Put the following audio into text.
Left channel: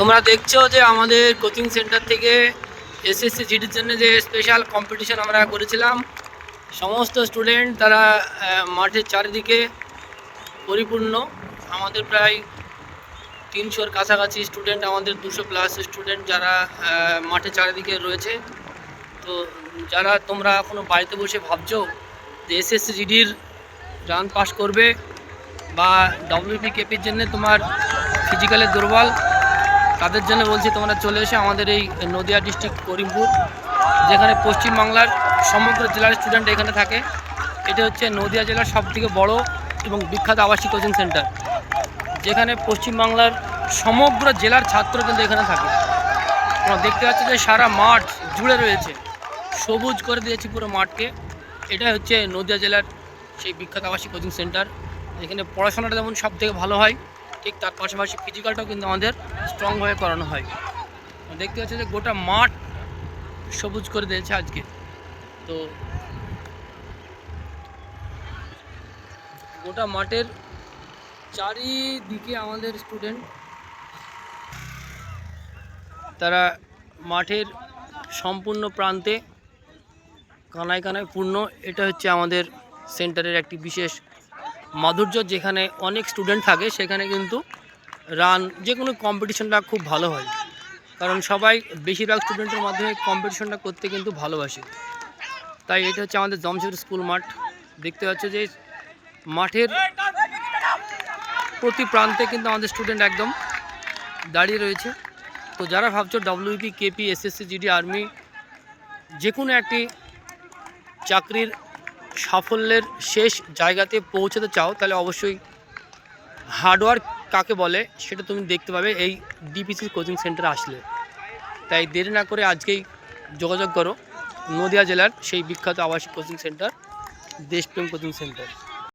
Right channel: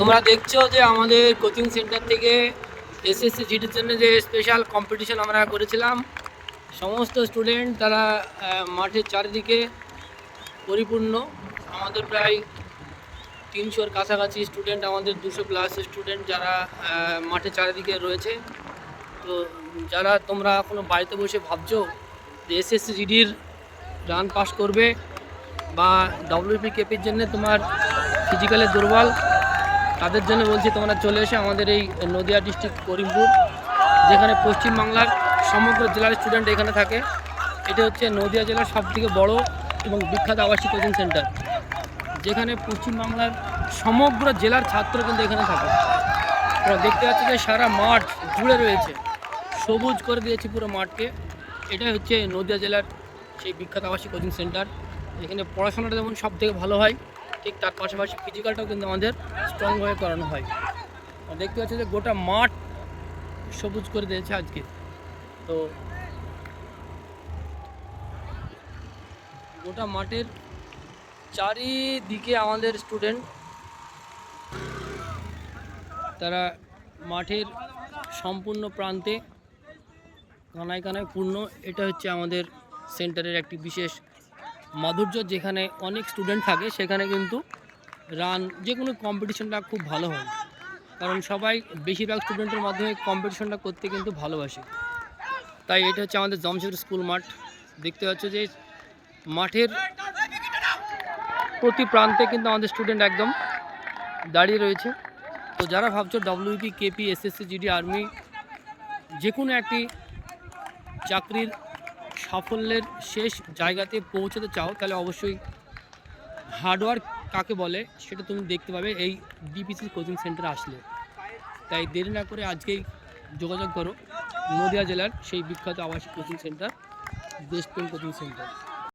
তোমরা দেখছ যে আমাদের কোচিং সেন্টার থেকে এসএসসি জিডির জন্য যে স্পেশাল কম্পিটিশন আমরা করেছিলাম, সমস্ত স্টুডেন্ট তারা মাঠের চারিদিকে পরিপূর্ণ। আমাদের প্রায় তিনশোর কাছাকাছি স্টুডেন্ট আমাদের দুশো প্লাস স্টুডেন্ট যারা মাঠের চারিদিকে রয়েছে। তো যারা তোমরা এখনও বাড়িতে বসে ভাবছ যে এসএসসি জিডির রান পাস করবে বা ডব্লিউপি কেপির জন্য তোমার ফিজিক্যালে দুর্বল তাদের জন্য বলছি তোমরা চলে এসে আমাদের এই নদিয়া ডিস্ট্রিক্ট করিমপুর, যেখানে পশ্চিমবাংলার সমগ্র জেলার স্টুডেন্ট এখানে থাকে। এটা হচ্ছে নদিয়া জেলার সবথেকে বড় এবং বিখ্যাত আবাসিক কোচিং সেন্টার, যেখানে পশ্চিমবাংলার সমগ্র জেলার ছাত্র কিন্তু এখানে থাকে। তোমরা দেখতে পাচ্ছ যে সারা মাঠ জুড়ে রয়েছে। সবুজ করে দিয়েছি পুরো মাঠকে। এটা হচ্ছে নদিয়া জেলার সেই বিখ্যাত আবাসিক কোচিং সেন্টার। যেখানে পড়াশোনাটা যেমন সব থেকে ভালো হয় ঠিক তার পাশাপাশি ফিজিক্যালটাও কিন্তু আমাদের স্ট্রংভাবে করানো হয়। দেখতে পাচ্ছি যে গোটা মাঠ সবুজ করে দিয়েছে আজকে। তো গোটা মাঠের চারিদিকে আমাদের স্টুডেন্ট তারা মাঠের সম্পূর্ণ প্রান্তে কানায় কানায় পূর্ণ। এটা হচ্ছে আমাদের সেন্টারের একটি বিশেষ মাধুর্য যেখানে অনেক স্টুডেন্ট থাকে, সেখানে কিন্তু রান যে কোনো কম্পিটিশনটা খুব ভালো হয়। কারণ সবাই বেশিরভাগ স্টুডেন্টের মাধ্যমে কম্পিটিশনটা করতে কিন্তু ভালোবাসে। তাই এটা হচ্ছে আমাদের জমশেদপুর স্কুল মাঠ। দেখতে পাচ্ছ যে মাঠের প্রতি প্রান্তে কিন্তু আমাদের স্টুডেন্ট একদম দাঁড়িয়ে রয়েছে। তো যারা ভাবছ WP KP SSC GD army যে কোনো একটি চাকরির সাফল্যের শেষ জায়গাতে পৌঁছাতে চাও, তাহলে অবশ্যই হার্ডওয়ার্ক কাকে বলে সেটা তুমি দেখতে পাবে এই ডিপিসির কোচিং সেন্টার আসলে। তাই দেরি না করে আজকেই যোগাযোগ করো, নদিয়া জেলার সেই বিখ্যাত আবাসিক coaching centre Deshprem coaching centre